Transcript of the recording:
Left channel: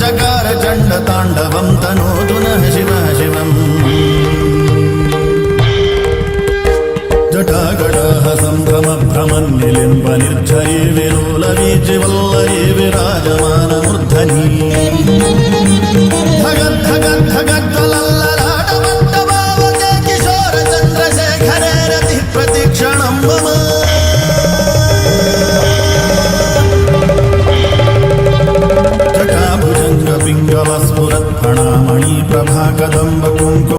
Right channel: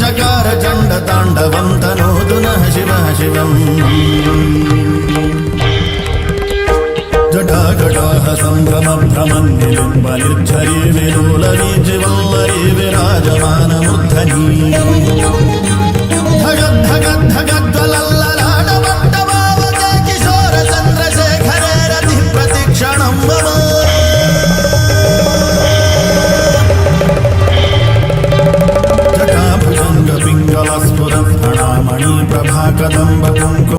చకార చండ తాండవం తనోతు నః శివః శివం జటాకటాహ సంభ్రమ భ్రమన్నిలింబ నిర్ఝరీ విలోల వీచివల్లరీ విరాజమానమూర్ధనీ ధగద్ధగద్ధగజ్వలల్లలాటపట్టభావకే కిశోర చంద్రశేఖరే రతి ప్రతిక్షణం మమ జటాభుజంగ పింగళ స్ఫురత్ ఫణామణి ప్రభా కదంబ కుంకుమ